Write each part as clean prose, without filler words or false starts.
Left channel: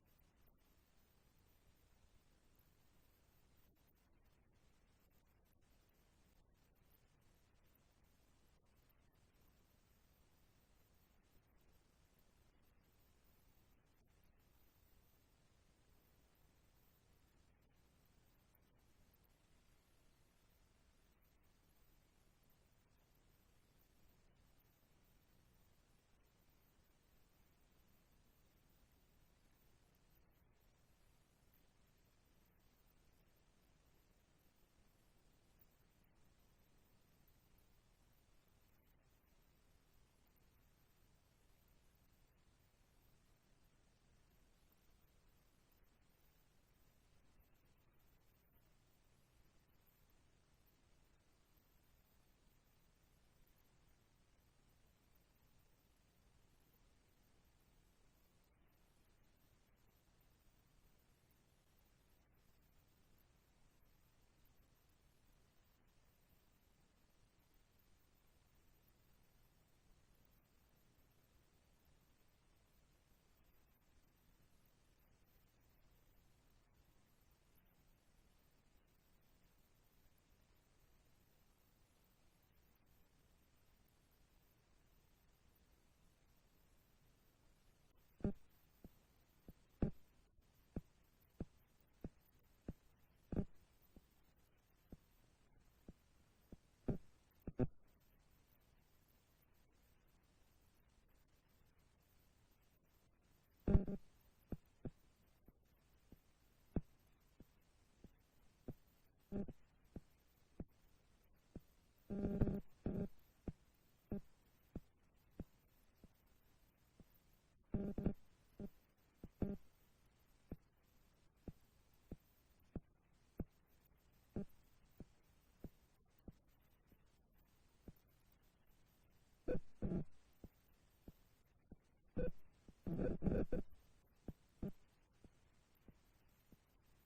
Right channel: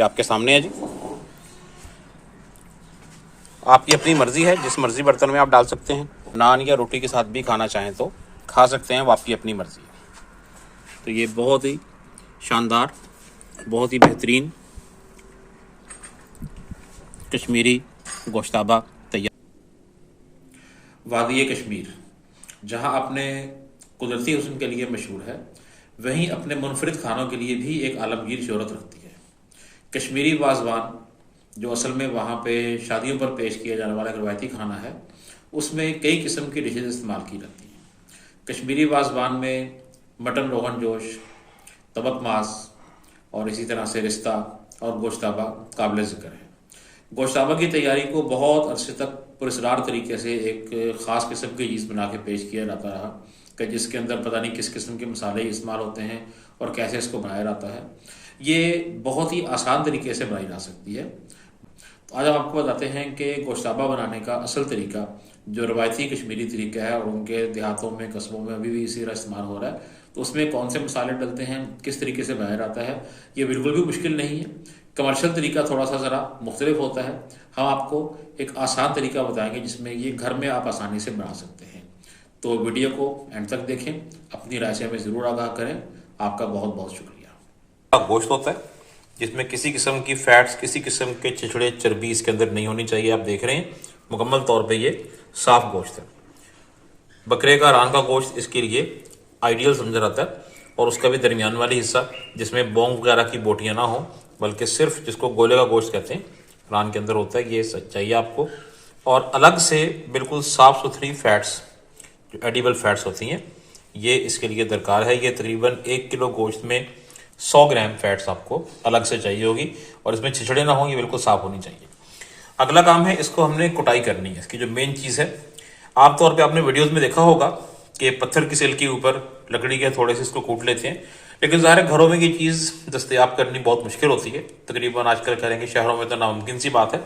ये आपके सामने है जी। आपकी अपनी मर्ज़ी है, जिस मर्ज़ी बर्तन में आप डाल सकते हैं। नान या रोटी के साथ भी खाना चाहें तो खा सकते हैं, वो आपकी अपनी मर्ज़ी है। तो ये बहुत ही शानदार, बहुत ही बेहतरीन कश्मीरी गोश्ताबा तैयार। वादी कश्मीर जहां अपने कुदरती हुस्न के लिए मशहूर है, वहीं अपने मुनफरिद खानों के लिए भी एक आलमगीर शोहरत रखती है। कश्मीरी वाजवान जो असल में वहाँ पे शादियों पर पेश किया जाने वाला एक रवायती खाना है, उसमें कई किस्म की डिशेज इस्तेमाल की जाती हैं। कश्मीरी वाजवान में मटन रोगन जोश, तबक मास और इसी तरह से रिश्ता और गोश्ताबा काबिल ज़िक्र है। गोश्ताबा की तैयारी को बहुत अरसे तक पुरस्कार तरीके से एक ख़ास किस्म की चीज़ बना के पेश किया जाता रहा कि जिसके अंदर पता नहीं किस किस्म के मसाले इस्तेमाल होते हैं और कैसे इसको बनाया जाता है। ये बहुत ही आसान तरीके से बनाई जा सकती है। तो आज हम आपको बताते हैं कि गोश्ताबा बनाने का असल तरीका, जो रवायती कश्मीरी तरीका है और उनके देहातों में कस्बों में अभी भी इसी तरह इस्तेमाल हो रहा है, तो उसमें कौन से मसाले डलते हैं, किस तरीके से बनाया जाता है। ये बिल्कुल भी मुश्किल नहीं है। कमर्शियल तरीका थोड़ा सा ज़रा मुख्तलिफ होता है। हम आपको एक आसान तरीका बताएंगे जिसमें ये घर में आप आसानी से बना सकते हैं। तो वीडियो को एंड तक देखें, अपनी राय से हमें ज़रूर आगाह करें। आपका बहुत बहुत शुक्रिया। गोश्त होता है जिसमें किसी किस्म की फैट्स, किसी किस्म के छिछड़े चर्बी इसके अंदर नहीं होनी चाहिए। आप देख रहे हैं मुकम्मल तौर पे ये साफ गोश्त है। बकरे का रान का गोश्त इसके लिए आइडियल समझा जाता है, और उसका भी दरमियान वाली हिस्सा जिसमें बोंग वगैरह की बोटियाँ ना हो, बल्कि सिर्फ जिसको गोले का गोश्त कहते हैं रान के अंदर होता है, ये चाहिए आपको। और अलग से बिल्कुल साफ़ सुथरी फैट्स, जो एडिबल फैट्स होती हैं, ये इसके लिए दरकार है। ये तकरीबन 1 किलो गोश्त में 100 ग्राम फैट्स आपको अलग से चाहिए होगी, और इसमें छिछड़े ना हो, ये बिल्कुल साफ़ होनी चाहिए। अगला काम है, इसको हमने कुटाई करनी है। इसकी जो मेन चीज़ है, आमतौर पे आपने वीडियोस में देखा होगा कि पत्थर की सिल के ऊपर लकड़ी के थोड़े से इसको कूट लेते हैं, लेकिन ज़ाहिर घरों में ये चीज़ दस्तयाब करनी बहुत मुश्किल होती है। तकरीबन आजकल करेंगे शहरों में तो नामुमकिन सी बात है।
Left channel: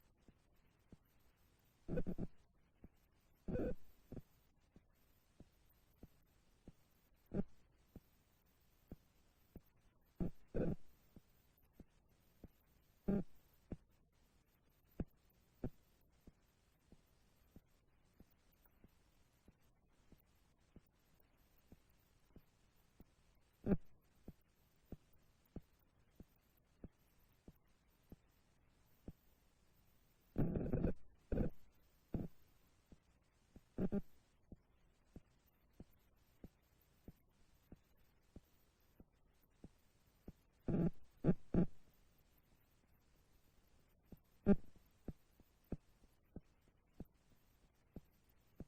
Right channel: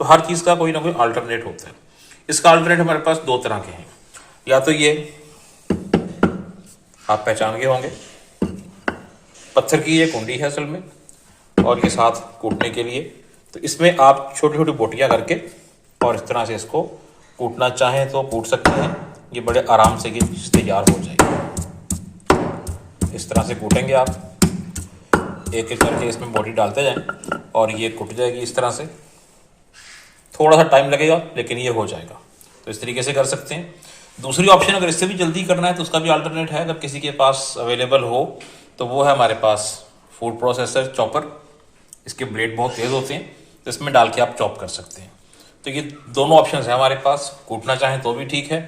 तो हर चीज़ का कोई ना कोई अल्टरनेट होता है। इसका अल्टरनेट हमारे पास 2 तरह के हैं। या तो ये आप पहचान गए होंगे, पत्थर की ये कुंडी है असल में, और ये साथ कूटने के लिए। तो इसमें आप छोटी छोटी बोटियाँ करके और इस तरह से इसको कूटना चाहें तो कूट सकते हैं। ये बड़े आराम से ये तैयार हो जाएगी। इस तरह से कूटेंगे आप, एक एक करके इसमें बोटी डालते जाएं और ये कूट जाएगी इस तरह से। थोड़ा सा टाइम लगेगा लेकिन ये हो जाएगा। तो इस तरीके से कर सकते हैं। दूसरी ऑप्शन, अगर इससे भी जल्दी करना है तो उसका भी अल्टरनेट है, अगर किसी के पास अवेलेबल हो, तो वो है हमारे पास फूड प्रोसेसर चॉपर। इसके ब्लेड बहुत तेज़ होते हैं, तो इसमें डाल के आप चॉप कर सकते हैं। तो ये दोनों ऑप्शन है हमारे पास। कूटना चाहें तो भी ठीक है,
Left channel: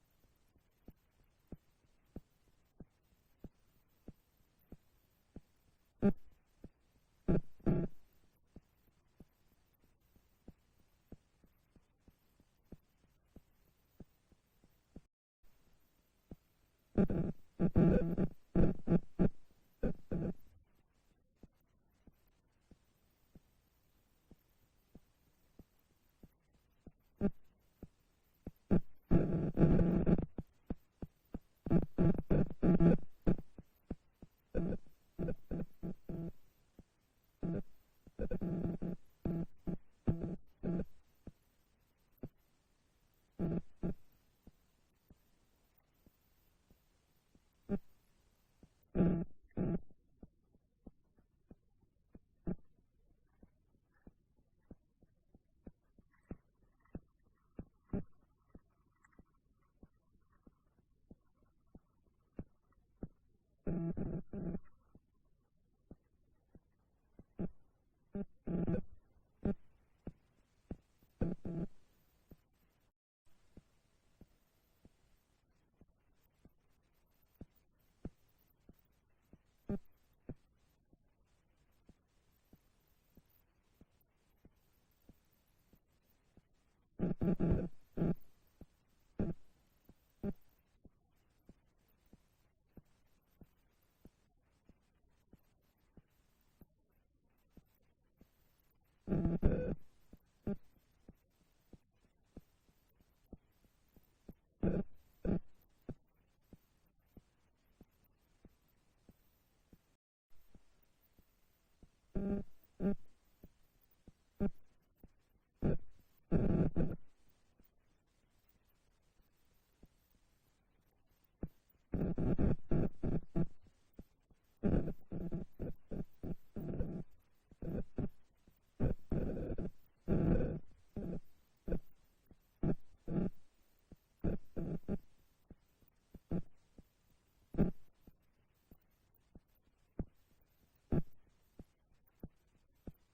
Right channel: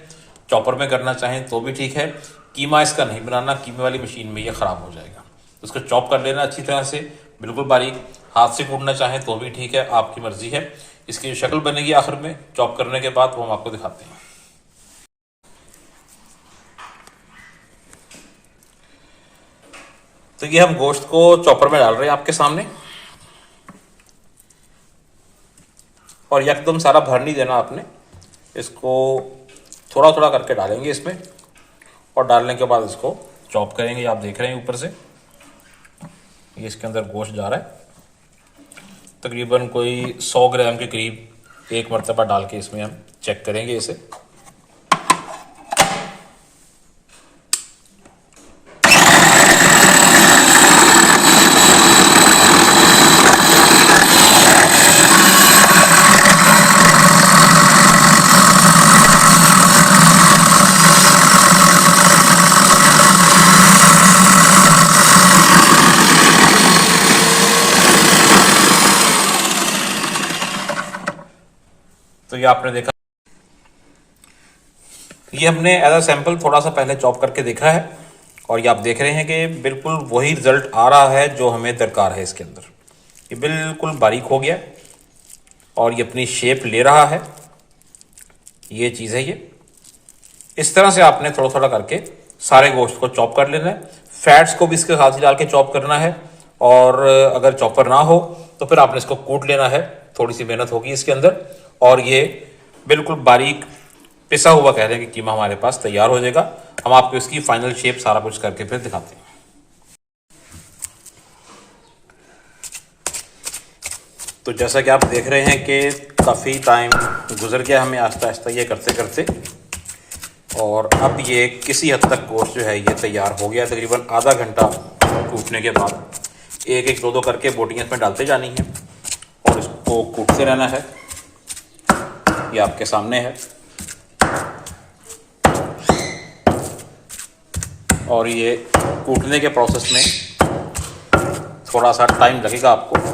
चॉपर में करना चाहें तो भी ठीक है। कीमा इसका नहीं बनाना, कीमे वाली मशीन में ये ख़राब हो जाएगा। तो उसको चॉप कर लेना अच्छी तरह से, बिल्कुल बारीक। हाथ से कूटना चाहें तो भी ठीक है, आपकी मर्ज़ी है। इसकी जो शक्ल बनेगी आखिर में चॉप करने के बाद, वो हम आपको दिखाते हैं। तो ये हम गोश्त को चॉपर में डाल रहे हैं आपके सामने, और एकदम सारा भर नहीं देना आपने। इसको थोड़ा थोड़ा करके डालेंगे इसमें, और डालने के बाद इसको चॉप करेंगे। आप देख रहे हैं ऊपर से ये इसके अंदर गोश्त जा रहा है। तकरीबन कोई 100 ग्राम के करीब एक मरतबा डाल के इसमें हम चेक करेंगे इसे। तो ये आपने देखा, ये हमने एज अ सैंपल थोड़ा सा पहले चॉप करके देखा है, और ये आप देख रहे हैं कि बिल्कुल वही रिजल्ट आ रहा है जो हमें दरकार है। इसके अंदर ये बिल्कुल बारीक हो गया और ये अपनी शेप ले रहा है। ये चीज़ है। ये इस तरह से आपने थोड़ा थोड़ा करके सारे गोश्त को चॉप कर लेना है। फैट्स को भी इसके साथ ही डाल के चॉप करना है, और अगर चॉपर ना हो तो फिर आपने इसको कूट लेना है। थोड़ी सी मेहनत होगी इसके अंदर, और ये बिल्कुल बारीक पिसा हुआ कह रहे हैं कि कीमा हमारे पास तैयार हो जाएगा। हम आपको इसकी फाइनल शेप सारा कुछ करके फिर दिखाते हैं। तो जैसा कि आप देख रहे हैं कि काफ़ी टाइम गुजर गया हमें आहिस्ता आहिस्ता ये करते करते, और अब ये किसी हद तक गोश्त जो है ये तैयार हो गया। तकरीबन आधा घंटा कूटने के बाद एक एक दो दो करके बोटियाँ इसमें डालते जानी हैं और इसको कूटते रहना है। ये आपके सामने है और ये कूटने के प्रोसेस में थोड़ा सा टाइम लगेगा आपको।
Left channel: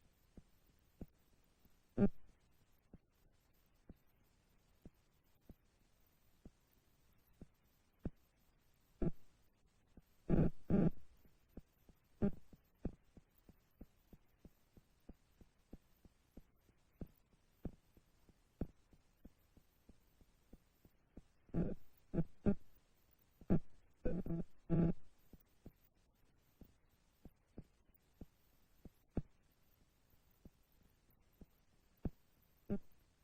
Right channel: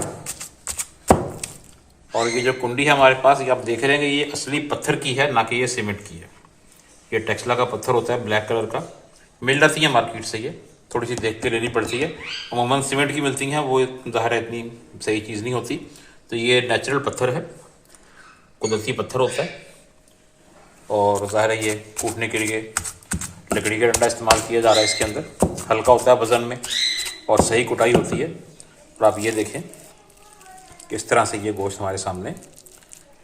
और ये जो कुंडी है हमारे पास, ये आप देख रहे हैं कि ये असली पत्थर की है, ना कि ये सीमेंट की है। ये टेक्सला का पत्थर होता है, ब्लैक कलर का, मिल जाती है मार्केट से। ये थोड़ी सी देख के लेनी पड़ती है, अमूमन सीमेंट की मिलती हैं, वो ज़ाहिर है इतनी सही चीज़ नहीं होती। तो ये नेचुरल पत्थर है, कुदरती पत्थर होता है। और ज़ाहिर है ये कूटने के लिए लकड़ी का डंडा इस्तेमाल किया जा रहा है। इसके अंदर हल्का होता है वज़न में और सही कुटाई होती है। और आप ये देखें किस तरह से ये गोश्त हमारे सामने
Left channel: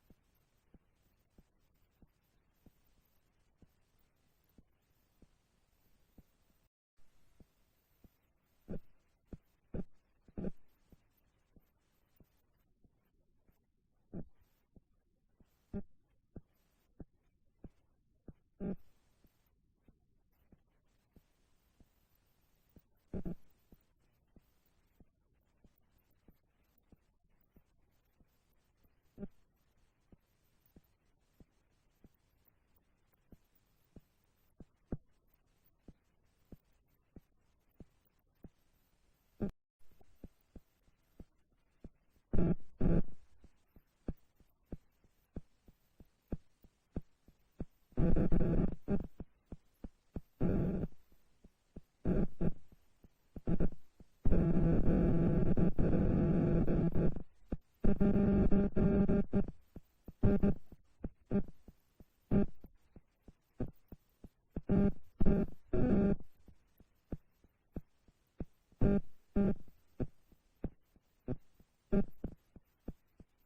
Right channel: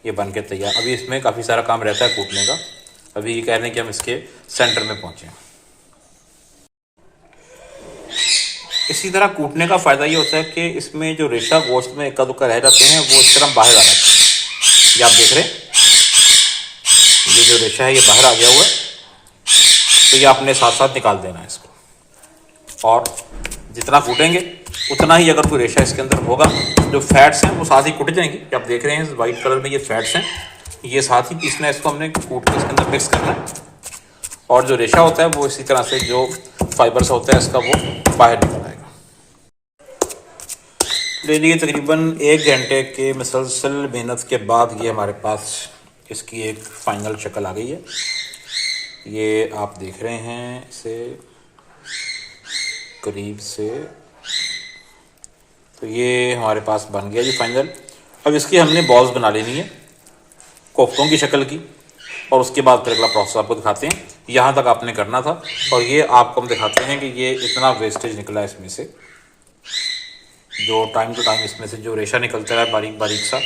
ये बन के तैयार। अभी इसमें काफ़ी सारा काम रहता है कूटने का। अभी ये कह रहे हैं कि हम इसके सेंटर में पहुँचे। इसी तरह कूटने का फ़ायदा ये होता है कि इसमें जो रेशा गोश्त में इक्का दुक्का रह जाते हैं वो इस तरह बाहर आ जाते हैं। ये आप देख रहे हैं, ये जो रेशा है ये बाहर आ गया हुआ है। तो ये आपने साथ साथ निकाल देना है इसको, और जितना कूटेंगे उतना ही अगर कोई रेशा इसके अंदर होगा, जो फैट्स हैं वो साथ ही कूट जाएंगे। कि आप देख रहे हैं वाइट कलर में ये फैट्स हैं, ये साथ ही पीसना है। इसको हमने कूट के इसके अंदर मिक्स करना है, और जो रेशा होता है वो इसी तरह से जो फाइबर्स होता है इसका वो बाहर निकल आएगा। लीजिए तकरीबन 1 घंटे के मुसलसल मेहनत के बाद ये हमारे पास इसकी एक फ़ाइनल शक्ल आ गई है। ये आप देख रहे हैं इसे करीब से, तो ये हमारे पास बन गया जी फाइनल। अब इसकी हमने बॉल्स बना लेनी है कोफ्तों की शक्ल की, और उसके बाद फिर अगला प्रोसेस आपको दिखाते हैं। यहाँ तक आपने करना था, और ये आपको हम दिखाते हैं कि ये इतना वेस्टेज निकला है इसमें से, जो टाइम टू टाइम इसमें से जो रेशा निकलता है बारीक बारीक सा,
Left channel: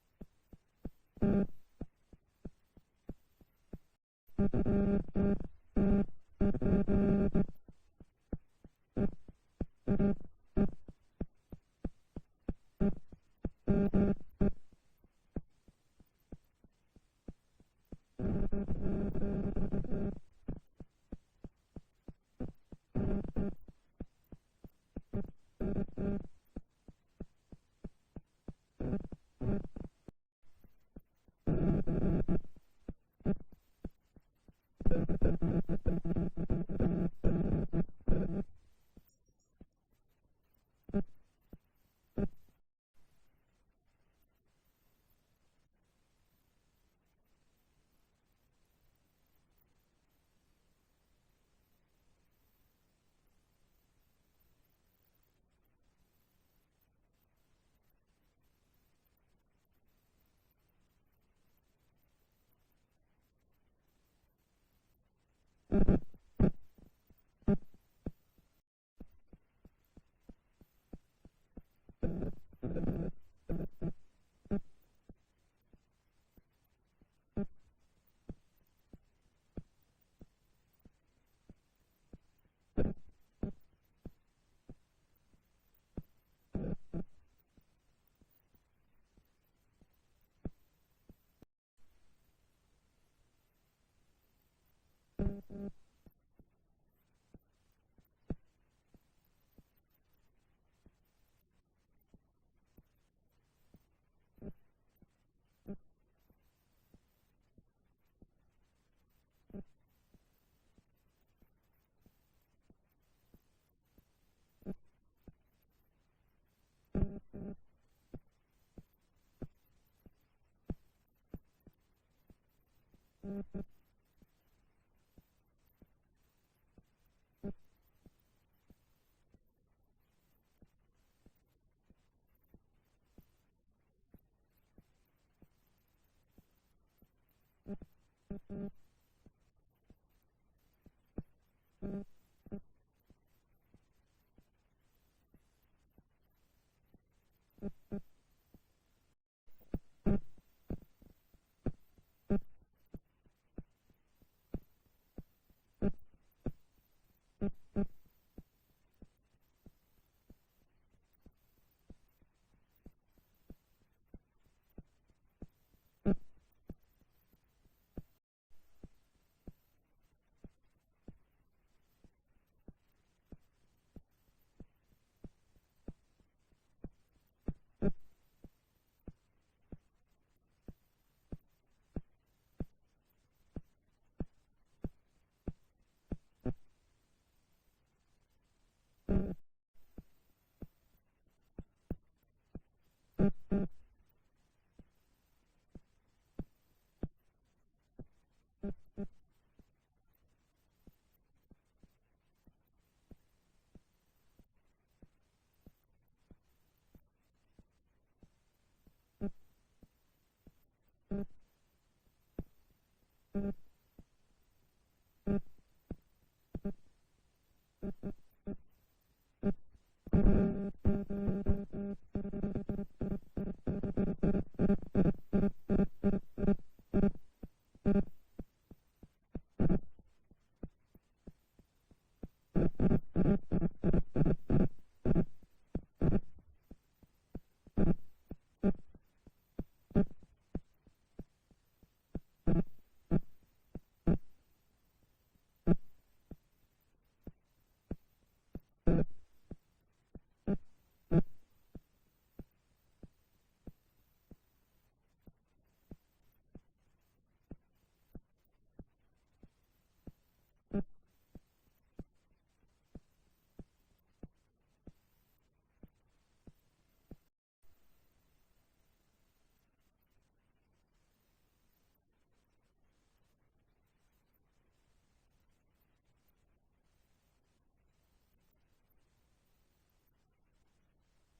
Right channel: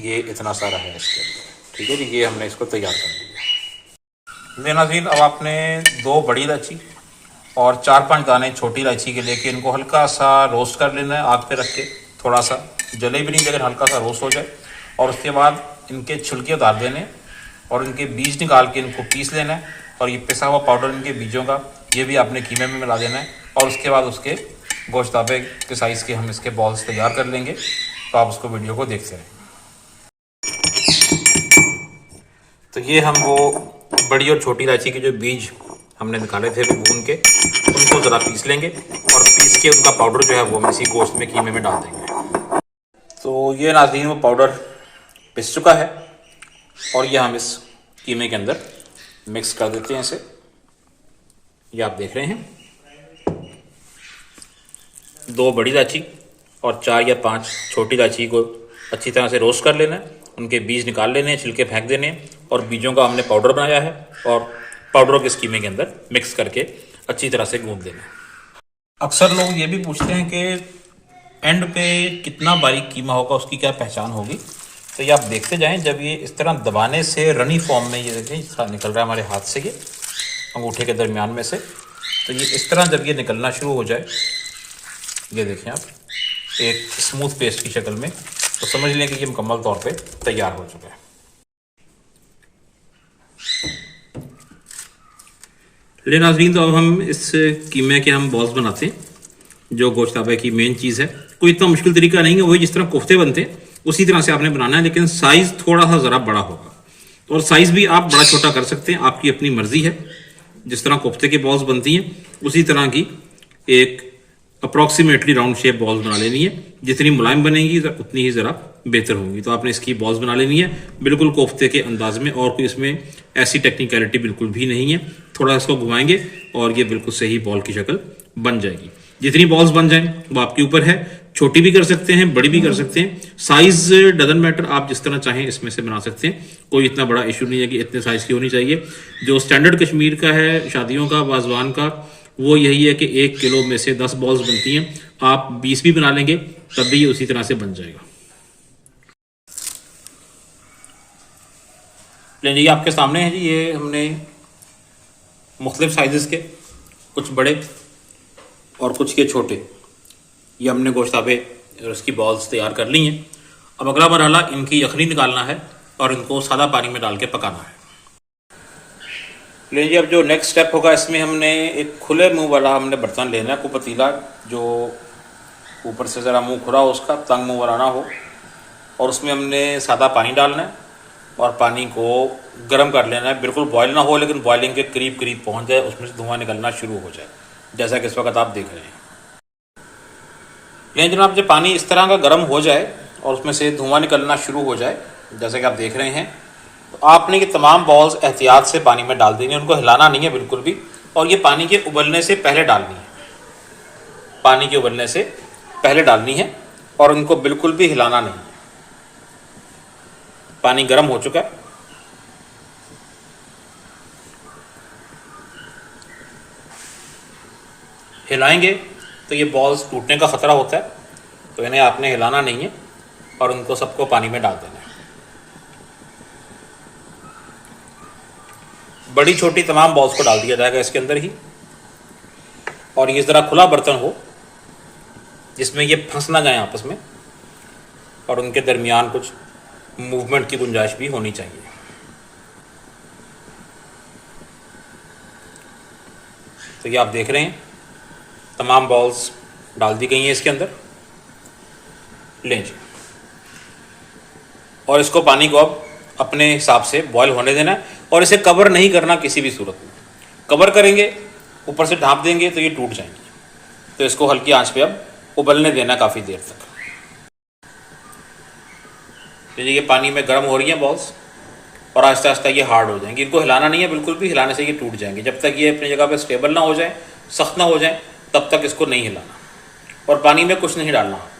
ये इतना सारा है इसके। ठीक है जी, ये हमने इसको तैयार कर लिया। नाज़रीन, अब आपने 2 बड़ी इलायची और 4-5 दाने छोटी इलायची के लेके इनको हल्का सा रोस्ट कर लेना है आग पे रख के। थोड़ा सा जले भी नहीं, लेकिन हल्का सा रोस्ट हो जाए। और उसके बाद इनके छिलके उतार देने और इनके बीज निकाल के इनको पीस लेना है। और ये पिसा हुआ पाउडर इनके बीजों का, ये भी आपने कीमे में मिला देना है। और उसके बाद उसके गोश्ताबे के साइज़ के हम इसके बॉल्स तैयार कर लेंगे। तो आप उसको वीडियो को देखते रहें। तो ये हम वो बड़ी और छोटी इलायची के जो बीज हमने निकाले थे वो भून के उनको ज़रा पीस लेंगे, और पीस के उनका पाउडर जो है वो हम इसी गोश्त में कीमे में डाल देंगे। तो ये नाज़रीन वो पाउडर पिस चुका है, और ये हम इस कीमे के अंदर मिक्स कर देते हैं इसे। ये आप देख रहे हैं 2 बड़ी इलायची और 4 या 5 छोटी इलायची को अच्छी तरह से रोस्ट कर लेना है। उनके बीज निकाल लेने हैं, छिलके फेंक देने हैं, और बीजों का हमने पाउडर बनाया है, और पाउडरों के कीमे के अंदर मिक्स करके अच्छी तरह से गूंद देना है। अक्सर लोग ये भी पूछते हैं कि एंड पे कितना बारीक कीमा होगा, उसकी क्या पहचान होगी। तो ये आप देखते जाएं, जब ये इस तरह दबाने से रनी फॉर्म में ये देखें निकल रहा है हमारे हाथ से, ये अंगूठे के दरमियान में से, तो ये इस तरह जब ये निकलना शुरू हो जाए, ये देखें आप एक स्मूथ पेस्ट की शक्ल में, तो समझ लें कि ये मुकम्मल तौर पे तैयार हो चुका है। ले नाज़रीन, तो अब हम इस कीमे के हम बॉल्स बनाते हैं, जो गोश्ताबे की मेन चीज़ है। कोई इतना मुश्किल तरीका नहीं है, वही जिस तरह कोफ्ते बनते हैं उसी तरह से आपने बनाना है, लेकिन साइज़ थोड़ा सा ज़रा बड़ा होगा। और साइज़ भी आप बड़ा छोटा कर सकते हैं, आपकी अपनी मर्ज़ी है। जिस तरह कोफ्ते की बॉल्स बनती हैं उसी तरह की एक अप्रॉक्सीमेटली राउंड शेप बॉल्स बना लेनी है। जितनी मुलायम बनेंगी उतनी ही ज़रा बेहतर होंगी। तो आपने इसकी बॉल्स बना लेनी है बिल्कुल कोफ्ते के अंदाज में, और कोई इसमें ऐसी टेक्निकलिटी बिल्कुल भी नहीं है। थोड़ा इसको घुमाएंगे और ये बिल्कुल सही बॉल की शक्ल बन जाएगी। जितनी बॉल्स बन जाएं वो आपके ऊपर है, छोटी भी कर सकते हैं, बड़ी भी कर सकते हैं। साइज़ डजंट मैटर, आप जिस तरह चाहें इसमें से बना सकते हैं। कोई इतना बड़ा इशू नहीं है कि इतने साइज़ की होनी चाहिए। जो स्टैंडर्ड कश्मीर का है शादियों का, वाजवान का, वो यही है कि 1 किलो में से 10 बॉल्स बनती हैं। आप 20 भी बना लेंगे तब भी ये उसी तरह से बन जाएगा। लीजिए आपके सामने है जी, ये हमने मुख्तलिफ साइज़ के, कुछ बड़े और कुछ के छोटे, ये हमने गोश्ताबे और उसकी बॉल्स तैयार कर ली हैं। अब अगला मरहला इनकी यखनी निकालना है और इनको सादा पानी में डाल के पकाना है। लीजिए, अब जो नेक्स्ट स्टेप होगा इसमें हमने एक खुले मुंह वाला हमने बर्तन लेना है, को पतीला जो ऊपर से ज़रा मुंह खुला हो, उसका तंग मुंह वाला ना हो, और उसमें हमने सादा पानी डालना है और पानी को गर्म कर लेना है। बिल्कुल बॉयल ना हो, लेकिन बॉइलिंग के करीब करीब पहुंच जाए, उसमें से धुआं निकलना शुरू हो जाए, जैसा कि इस वक्त आप देख रहे हैं। लेकिन जनाब, जब पानी इस तरह का गर्म हो जाए और उसमें से धुआं निकलना शुरू हो जाए, जैसा कि आप देख रहे हैं, तो आपने ये तमाम बॉल्स एहतियात से पानी में डाल देनी है। उनको हिलाना नहीं है बिल्कुल भी, और ये पानी के उबलने से पहले डालनी है। पानी के उबलने से पहले डालनी है और उनको बिल्कुल भी हिलाना नहीं है। पानी गर्म हो चुका है, हिलाएंगे तो ये बॉल्स टूटने का ख़तरा होता है, तो इन्हें आपने हिलाना नहीं है और उनको सबको पानी में डाल देना है। बड़ी छोटी तमाम बॉल्स को डाल दिया जाएगा इसके अंदर ही, और ये ज़रा खुला बर्तन हो जिसमें ये फंस ना जाए आपस में, और उनके दरमियान कुछ मूवमेंट की गुंजाइश भी होनी चाहिए। तो ये आप देख रहे हैं तमाम बॉल्स डाल दी गई हैं इसके अंदर। लें जी, और इसको पानी को अब अपने हिसाब से बॉयल होने देना है, और इसे कवर नहीं करना किसी भी सूरत में। कवर करेंगे, ऊपर से ढाँप देंगे तो ये टूट जाएंगे। तो इसको हल्की आंच पे अब उबलने देना काफ़ी देर तक। तो ये पानी में गर्म हो रही हैं बॉल्स, और आहिस्ता आहिस्ता ये हार्ड हो जाएंगी। इनको हिलाना नहीं है बिल्कुल भी, हिलाने से ये टूट जाएंगे। जब तक ये अपनी जगह पे स्टेबल ना हो जाए, सख्त ना हो जाए, तब तक इसको नहीं हिलाना, और पानी में कुछ नहीं डालना आपने।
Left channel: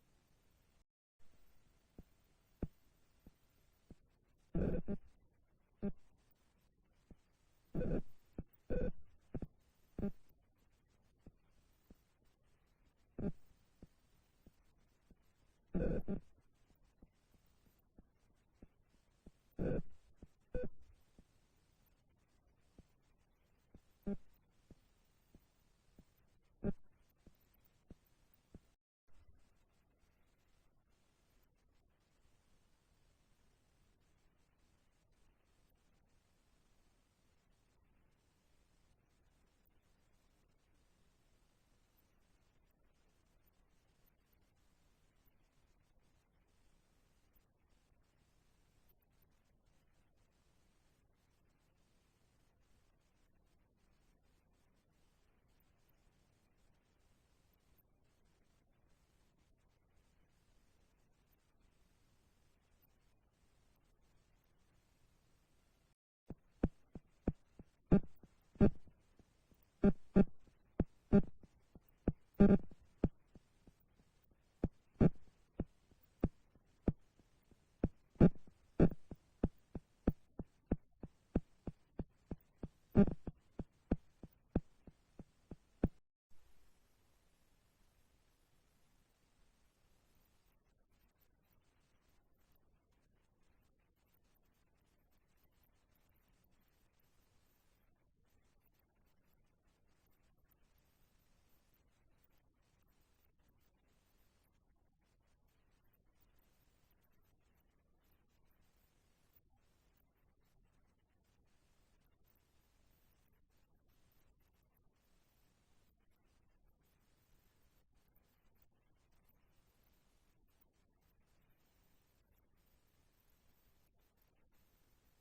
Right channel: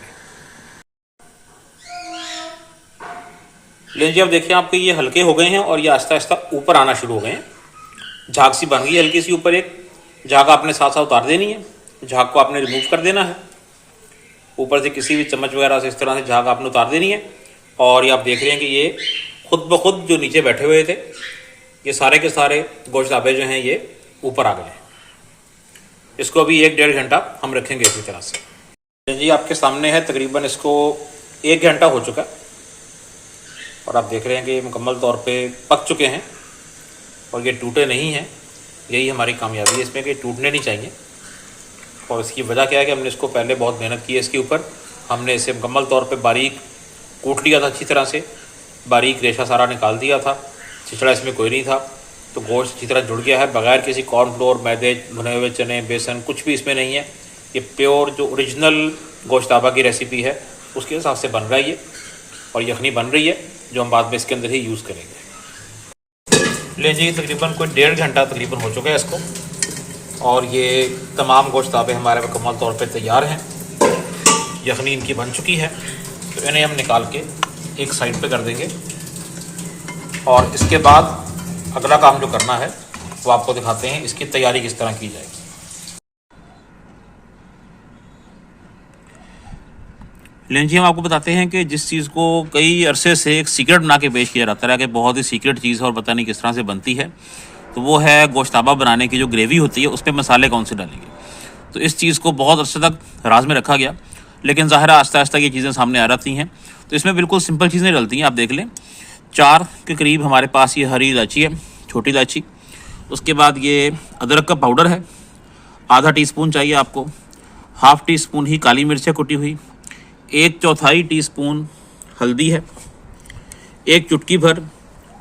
लीजिए, अब देखिए आपके ये हल्के हो गए हैं और ये आहिस्ता आहिस्ता ऊपर आना शुरू हो गए हैं। झाग सी बन गई है हल्की सी ऊपर। एक झाग आपने साथ साथ उतार देनी है, झाग को आपने रिमूव कर देना है। ऊपर से किसी भी चम्मच वगैरह से इस तरह से झाग आपने उतार देनी है। और ये आप देख रहे हैं कि ये खुद ब खुद जो नीचे बैठे हुए थे, ये सारे के सारे गोश्ताबे जो हैं ये ऊपर आ गए हैं। इसको अभी 1-1.5 घंटा हम रखेंगे इसी तरह से। जी, आपके सामने है तकरीबन इसको 1 घंटा हो चुका है, और आप देख रहे हैं कि ये मुकम्मल तौर पे पक चुके हैं और ये टूटे नहीं हैं। यही हमारी कामयाबी है इसमें कि टूटने नहीं चाहिए। और इसकी वजह क्या है कि हमने इसको पहले बहुत मेहनत की है इसके ऊपर। हमने इसे मुकम्मल तौर पे बारीक कूट लिया था, अच्छी तरह से बारीक रेशा सारा निकाल दिया था, छिछड़ा इसमें कोई नहीं था। तो गोश्त अच्छी तरह जुड़ गया है, बगैर किसी कॉर्नफ्लोर, मैदे, भुने हुए चने, बेसन, कुछ भी इसमें नहीं है। ये प्योर जो ओरिजिनल गोश्ताबा की रेसिपी है उसके हिसाब से बन रहा है ये, और यखनी बन रही है जो हम बाद में इसके अंदर ही यूज़ करेंगे। ले जी, तकरीबन कोई 1.5 घंटा तकरीबन हो चुका है इसको, और ये तमाम गोश्ताबे हमारे मुकम्मल तौर पे तैयार हैं। यखनी इनकी बन चुकी है, तो इन्हें हम निकाल के एक साइड पे कर देंगे, और इसके बाद अगला काम जो करना है वो आपको दिखाते हैं इसकी तैयारी किस तरह की जाएगी। लेकिन जी, हम आपको बताते हैं कि जिस चीज़ को कई अरसे से एक सीक्रेट बना के पेश किया जाता है कि बहुत ही सीक्रेट चीज़ है और पता नहीं किस तरह से बनती है, तो वो है गोश्ताबा बनाने की जो ग्रेवी होती है उसमें मसाले कौन से डालेंगे। तो इस चीज़ को बहुत अरसे तक राज में रखा गया, लेकिन ज़ाहिर आहिस्ता आहिस्ता ये चीज़ें सामने आ जाती हैं। तो इसमें बिल्कुल सिंपल चीज़ें डलती हैं। आप देख लें, 4 के करीब हमारे पास ये हरी इलायची है, छोटी इलायची। उसके बाद ये अदरक का पाउडर है, आधा टीस्पून चाहिए आपको। हाफ़ टी स्पून ही काली मिर्च है कुटी हुई। 1/4 टीस्पून हल्दी है। 1 चुटकी भर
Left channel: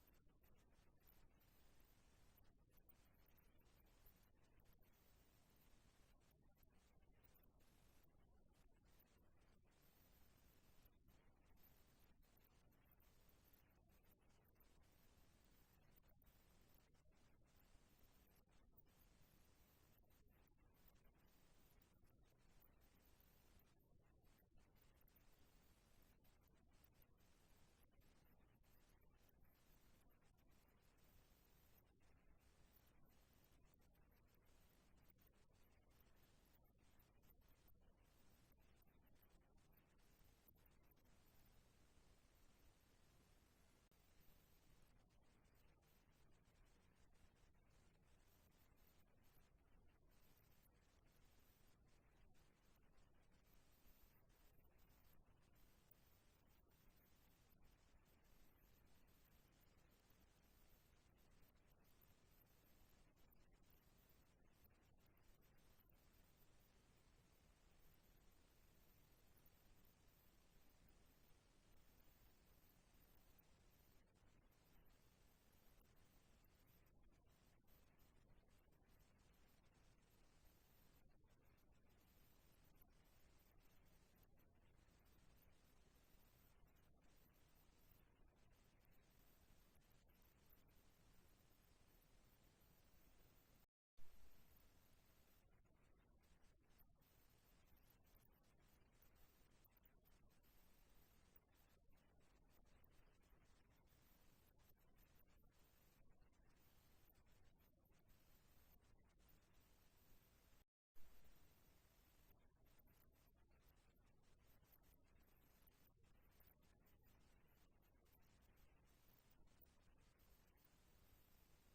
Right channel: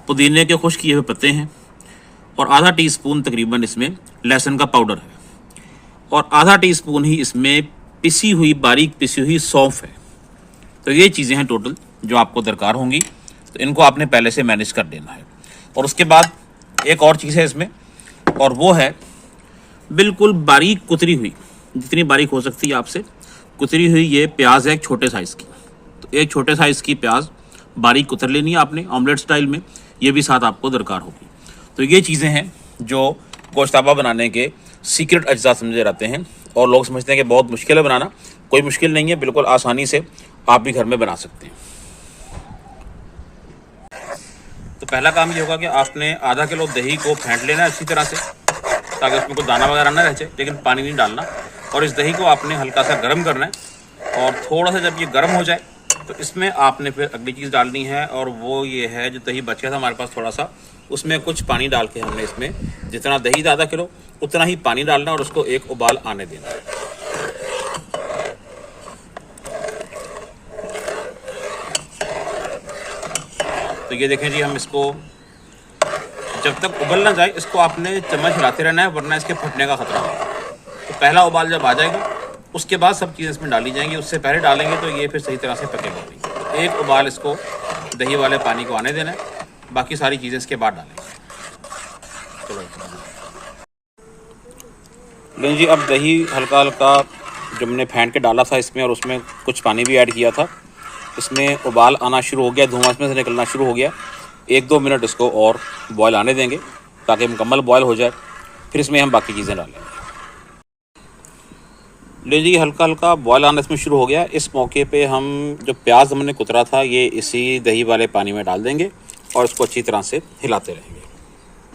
पुदीने के खुश्क किए हुए पत्ते हैं, और आधा टीस्पून तकरीबन इसमें लहसुन का पाउडर है, और आधा टीस्पून ही इसमें पिसी हुई, बारीक पिसी हुई सौंफ है। तो ये चीज़ें हैं टोटल जो आपको दरकार होंगी। तो इनको आपने पहले से मैनेज कर देना है। और उसके बाद एक और चीज़ है इसमें, और वो है बिल्कुल बारीक कुतरी हुई, जितनी बारीक हो सकती है आपसे कुतरी हुई ये प्याज है, एक छोटे साइज़ की। तो एक छोटे साइज़ की प्याज बारीक कुतर लेनी है आपने ऑमलेट स्टाइल में, ये भी साथ आपको दरकार होगी। तो ये चीज़ें हैं जो गोश्ताबा बनाने के सीक्रेट अज्जा समझे जाते हैं, और लोग समझते हैं कि बहुत मुश्किल है बनाना। कोई मुश्किल नहीं है, बिल्कुल आसानी से आप भी घर में बना सकते हैं। तो पहला काम ये होगा कि आपने आधा किलो दही को फेंट लेना है अच्छी तरह से, ताकि उसमें कोई दाना वगैरह ना रह जाए, लेकिन पानी नहीं डालना। और इस दही को आपने हल्का सा गर्म करना है, और थोड़ा सा जब ये गर्म हो जाए तो इसमें आपने फिर अगली चीज़ डालनी है, और वो ये है जो दही बचा था हमारे पास थोड़ा सा, उसमें कुछ पानी डाल के हमने इसमें जितना दही था आधा किलो उतना ही पानी डालना और उसको एक उबाल आने देना। तो ये देखें जी, हम इसको जब तक उबल ना जाए इसको आपने चम्मच हिलाते रहना है, वरना इसके फटने का खतरा है। तो पहला उबाल जब आ जाएगा उसके बाद सब चीज़ें इसमें डाली जाएंगी, उससे पहले डालेंगे तो ये फिर सही तरह से पकेगा नहीं। तो एक उबाल इसको दही वाले पानी को आने देना है, बाकी सारी चीज़ें इसके बाद डालेंगे। चलो लेकिन जी, अब दही हल्का हल्का जो हमने फेंट के डाला था इसमें, और उसमें कुछ पानी भी ऐड किया था, इसमें उबाल आना शुरू हो गया, धुआं इसमें से निकलना शुरू हो गया। 1-2 मिनट इसको और बॉयल आने देंगे ताकि मुकम्मल बॉयल हो जाए, फिर इसमें हम बाकी चीज़ें डालेंगे। ले जी, हल्का हल्का बॉयल आना इसमें शुरू हो गया। इस मौके पे हम जो प्याज हमने कुतरा था ये इसी दही वाले पानी में डाल देंगे और इसको अच्छी तरह से हिलाते रहेंगे।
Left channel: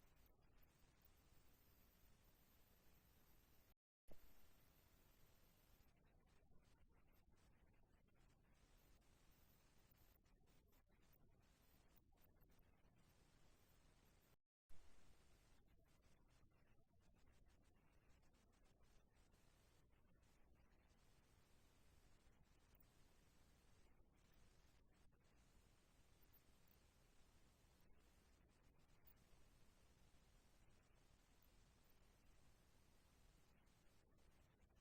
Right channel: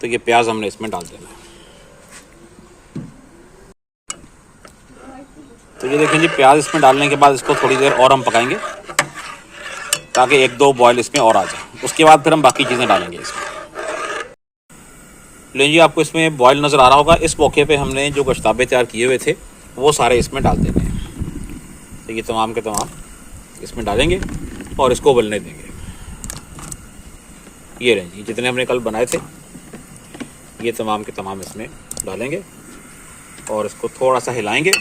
तो ये प्याज हमने इसमें डाल देना है। तो ये देखें जी, प्याज इसमें डालने के बाद इसको थोड़ी देर और हम पकाएंगे ताकि 1-2 बॉयल इसमें और आ जाए। उसके बाद फिर हम बाकी चीज़ें डालेंगे इसमें। लेकिन जी, आपको इसमें बॉयल नज़र आ रहा होगा। इस मौके पे हमने जो गोश्ताबे तैयार किए हुए थे वो सारे इसमें डाल देने हैं। तो ये तमाम के तमाम इसमें डालेंगे और इसको उबलने देंगे। ये रहे जी, जितने हमने कल बनाए थे ये तमाम के तमाम इसमें डालेंगे और इसको थोड़ा सा हिलाएंगे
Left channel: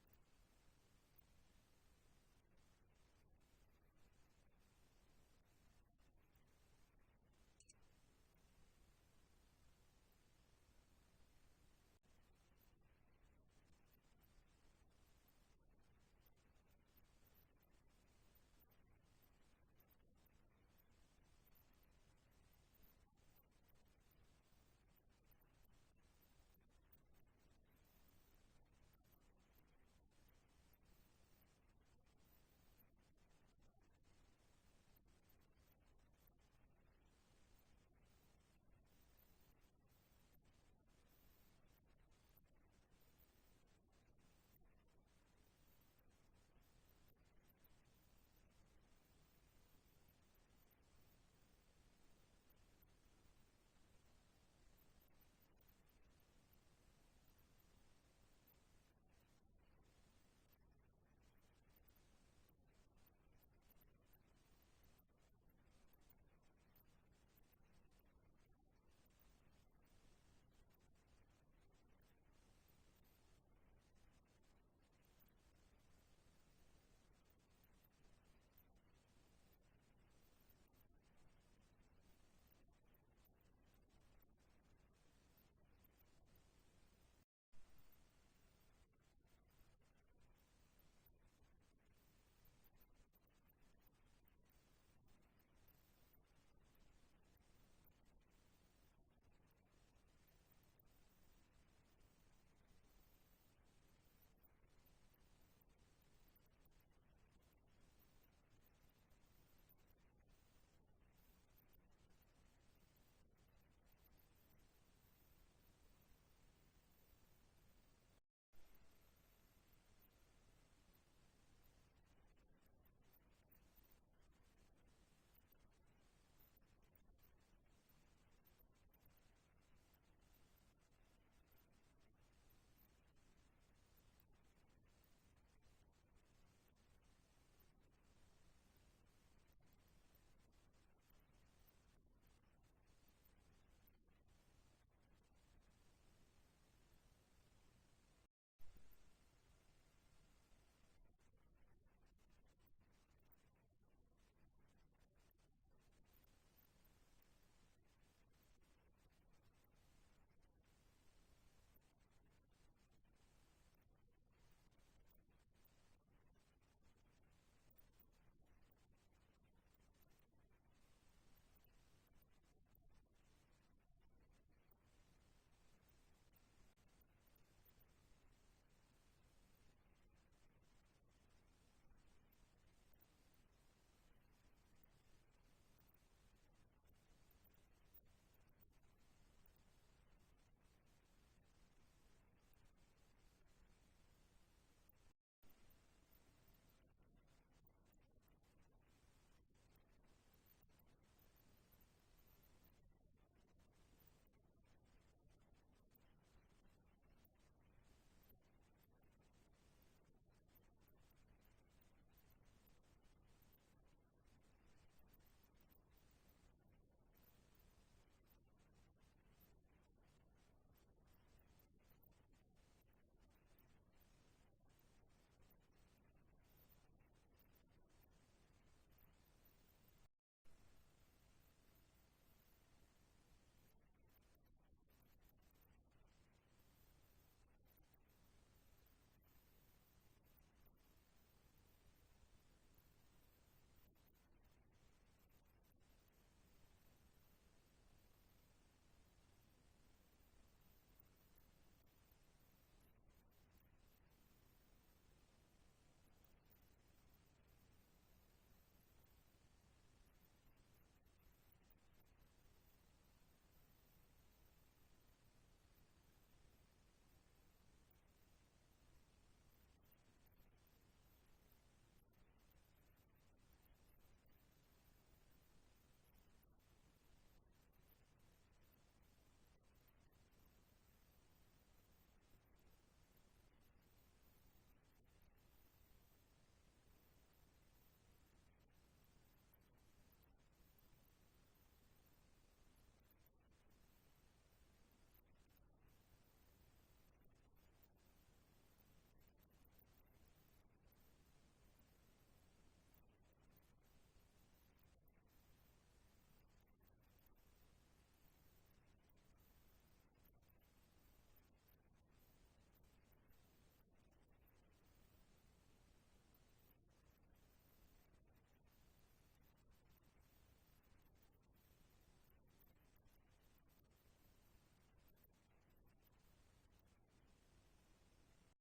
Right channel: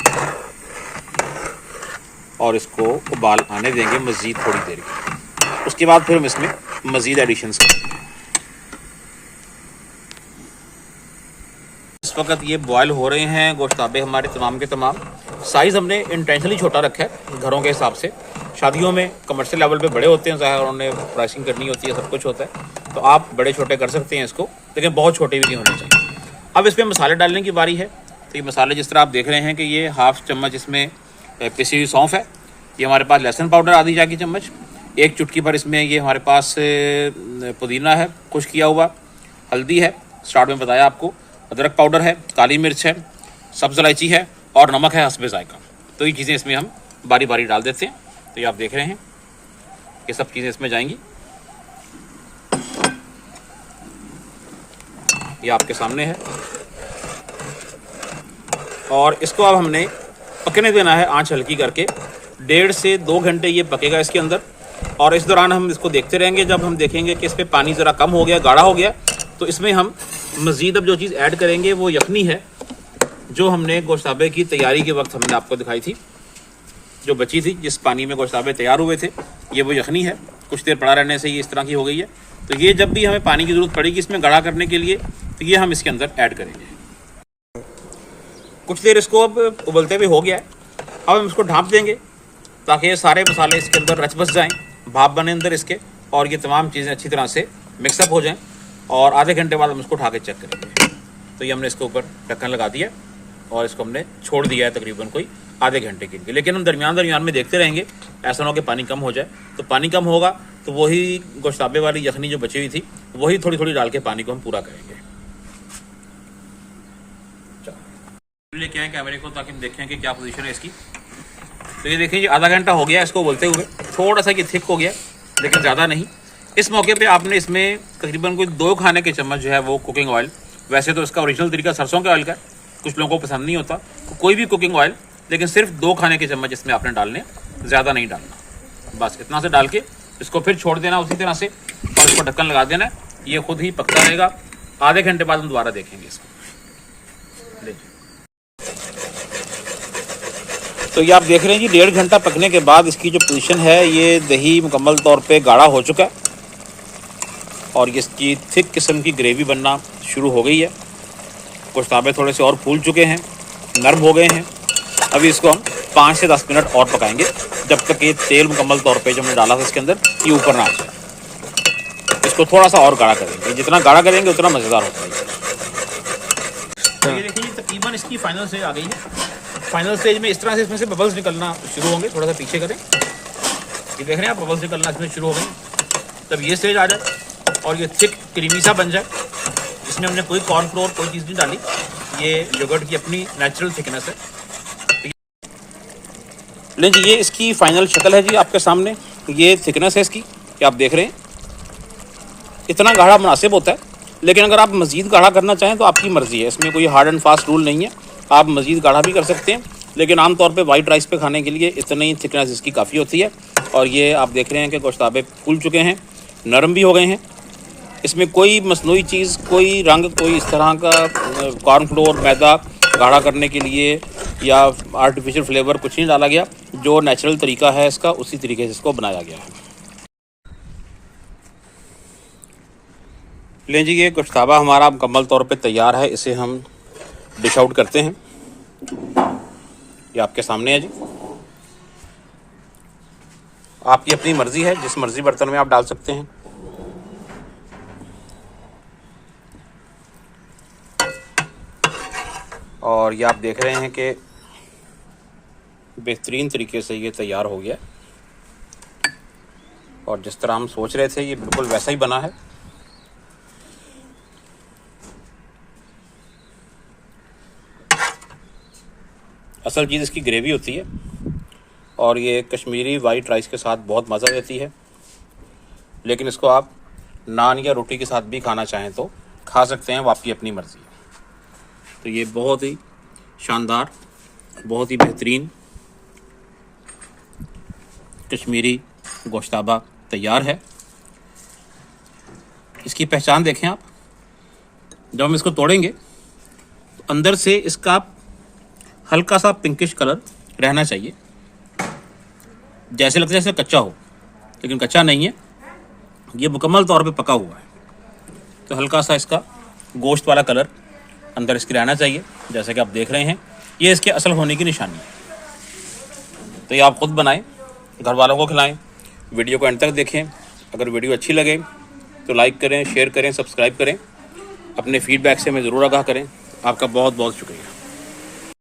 और इसको उबाल आने देंगे मज़ीद थोड़ी देर के। उसके बाद फिर हम इसमें मज़ीद एडिशंस करेंगे। इस वक्त ये बॉयल हो रहे हैं गोश्ताबे हमारे तमाम के तमाम। साइज़ हमने इंटेंशनली छोटा रखा है घरों के हिसाब से। शादियों में कमर्शियल लेवल पे बड़े होते हैं, ज़ाहिर उन्होंने प्राइसिंग करनी होती है, सब कुछ होता है, तो आप बड़े छोटे कर सकते हैं इसको, लेकिन बहुत छोटे भी नहीं होने चाहिए। अब इसमें मसाले डालने की बारी है। तो ये मसाले जिस तरह आप देख रहे हैं कि ये 1/2 चम्मच इसमें पिसी हुई सौंफ है, ये हमारे पास लहसुन पाउडर आधी चाय की चम्मच, 1 चुटकी भर इसमें ये हमारे पास पुदीना है खुश किया हुआ, हल्दी है स्टार्ट में बताया आपको, अदरक पाउडर है, काली मिर्च है, सब्ज़ इलायची है और नमक है हस्बे जायका। तो ये चीज़ें इसमें हम बारी बारी डाल देते हैं। तो ये आप देख रहे हैं ये सब चीज़ें इसमें जाएंगी। ये आपके सामने है और इसको अब हमने पकने देना है आंच हल्की करके। 1.5 से 2 घंटे ये पकेगा इसके अंदर, और इस दौरान हम इसको देखते रहेंगे। जब हम देखेंगे कि इस पर पानी ज़रा कम हो गया, गाढ़ा हो गया, तो इसमें हम मज़ीद अब जो चीज़ ऐड करेंगे वो यखनी है, जो हमने गोश्ताबे की तैयारी के वक्त हमने आपको दिखाई थी, जो बची थी जिस पानी में गोश्ताबे तैयार हुए थे, ये वो यखनी है। कुछ देर पड़ा रहने से ये इस तरह की हो गई है। तो ये जब भी हमें पानी की ज़रूरत पड़ेगी इसमें गाढ़ा करने के लिए, तो ये हम इसके अंदर ऐड करेंगे। कुछ देर इसको अब उबलते हुए हो गया है। अब हम इसको ढाँप देंगे ताकि ये सारे मसाले इसके अंदर रच बस जाएँ, भाप बने अंदर इसके, और ये तमाम चीज़ें अच्छी तरह से मिक्सअप हो जाएँ। और आधे घंटे बाद हम इसको उठा के चेक करेंगे। तो ये हमने इसके ऊपर ढक्कन लगा दिया और इसको हमने छोड़ दिया है तकरीबन कोई आधे घंटे के लिए। लेकिन हम दरमियान में देखते रहेंगे, ऐसा ना हो कि पानी कम हो जाए। तो पानी कम होगा तो वही गोश्ताबे वाली यखनी जो बची हुई थी वही थोड़ी थोड़ी डाल के पानी को हम पूरा करेंगे। लेके आए कैमरे को ताकि हम देखें कि क्या पोजीशन है इसकी। तो ये देखें, ये आधा घंटा हो गया इसको बोलते हुए, थोड़ा सा ये थिक हो गया लेकिन ज़्यादा नहीं। इस मौके पे आपने इसमें तकरीबन कोई 2 खाने के चम्मच जो है वो कुकिंग ऑयल, वैसे तो इसका ओरिजिनल तरीका सरसों के ऑयल का, कुछ लोगों को पसंद नहीं होता, तो कोई भी कुकिंग ऑयल, लेकिन सिर्फ 2 खाने के चम्मच इसमें आपने डालने, ज़्यादा नहीं डालना। बस इतना से डाल के इसको फिर छोड़ देना उसी तरह से, और इसको ढक्कन लगा देना है। ये खुद ही पकता रहेगा। आधे घंटे बाद हम दोबारा देखेंगे इसको। तो ये आप देख रहे हैं जी, 1.5 घंटा पकने के बाद इसकी जो पोजीशन है, ये दही मुकम्मल तौर पे गाढ़ा हो चुका है और इसकी थिक किस्म की ग्रेवी बनना शुरू हो गई है। गोश्ताबे थोड़े से और फूल चुके हैं, नरम हो गए हैं। अभी इसको हम 5 से 10 मिनट और पकाएंगे, जब तक ये तेल मुकम्मल तौर पे जो हमने डाला था इसके अंदर ये ऊपर ना आ जाए। इसको थोड़ा सा और गाढ़ा करेंगे, जितना गाढ़ा करेंगे उतना मज़ेदार होता है। तो ये देखिए, तकरीबन इसकी फाइनल स्टेज आ गई है। फाइनल स्टेज में इस तरह से इसमें से बबल्स निकलना शुरू होंगे। थोड़ा सा पीछे करें, ये देख रहे हैं आप, बबल्स निकलना इसमें शुरू हो गए। तब ये स्टेज आ जाए और ये थिक क्रीमी सा बन जाए, इसमें हमने कोई कॉर्नफ्लोर कोई चीज़ नहीं डाली, ये योगर्ट की अपनी नेचुरल थिकनेस है। लें जी, ये इसकी फ़ाइनल शक्ल है जी आपके सामने। ये थिकनेस है इसकी कि आप देख रहे हैं, इतना गाढ़ा मुनासिब होता है। लेकिन अगर आप मज़ीद गाढ़ा करना चाहें तो आपकी मर्ज़ी है, इसमें कोई हार्ड एंड फास्ट रूल नहीं है। आप मज़ीद गाढ़ा भी कर सकते हैं, लेकिन आमतौर पे वाइट राइस पे खाने के लिए इतनी ही थिकनेस इसकी काफ़ी होती है। और ये आप देख रहे हैं कि गोश्ताबे फूल चुके हैं, नरम भी हो गए हैं। इसमें कोई मसनूई चीज़, कोई रंग, कोई इस तरह का कॉर्नफ्लोर, मैदा गाढ़ा करने के लिए या आर्टिफिशियल फ्लेवर कुछ नहीं डाला गया। जो नेचुरल तरीका है इसका, उसी तरीके से इसको बनाया गया है। लें जी, ये गोश्ताबा हमारा मुकम्मल तौर पे तैयार है। इसे हम डिश आउट करते हैं। ये आपके सामने है जी। आपकी अपनी मर्ज़ी है, जिस मर्ज़ी बर्तन में आप डाल सकते हैं। और ये आप देख रहे हैं कि बेहतरीन तरीके से ये तैयार हो गया, और जिस तरह हम सोच रहे थे ये बिल्कुल वैसा ही बना है। असल चीज़ इसकी ग्रेवी होती है, और ये कश्मीरी वाइट राइस के साथ बहुत मज़ा देती है। लेकिन इसको आप नान या रोटी के साथ भी खाना चाहें तो खा सकते हैं, वो आपकी अपनी मर्ज़ी है। तो ये बहुत ही शानदार, बहुत ही बेहतरीन कश्मीरी गोश्ताबा तैयार है। इसकी पहचान देखें आप, जब हम इसको तोड़ेंगे तो अंदर से इसका हल्का सा पिंकिश कलर रहना चाहिए, जैसे लगता है जैसे कच्चा हो, लेकिन कच्चा नहीं है, ये मुकम्मल तौर पे पका हुआ है। तो हल्का सा इसका गोश्त वाला कलर अंदर इसकी रहना चाहिए, जैसे कि आप देख रहे हैं। ये इसके असल होने की निशानी है। तो ये आप ख़ुद बनाएं, घर वालों को खिलाएं। वीडियो को एंड तक देखें। अगर वीडियो अच्छी लगे तो लाइक करें, शेयर करें, सब्सक्राइब करें। अपने फीडबैक से हमें ज़रूर आगाह करें। आपका बहुत बहुत शुक्रिया।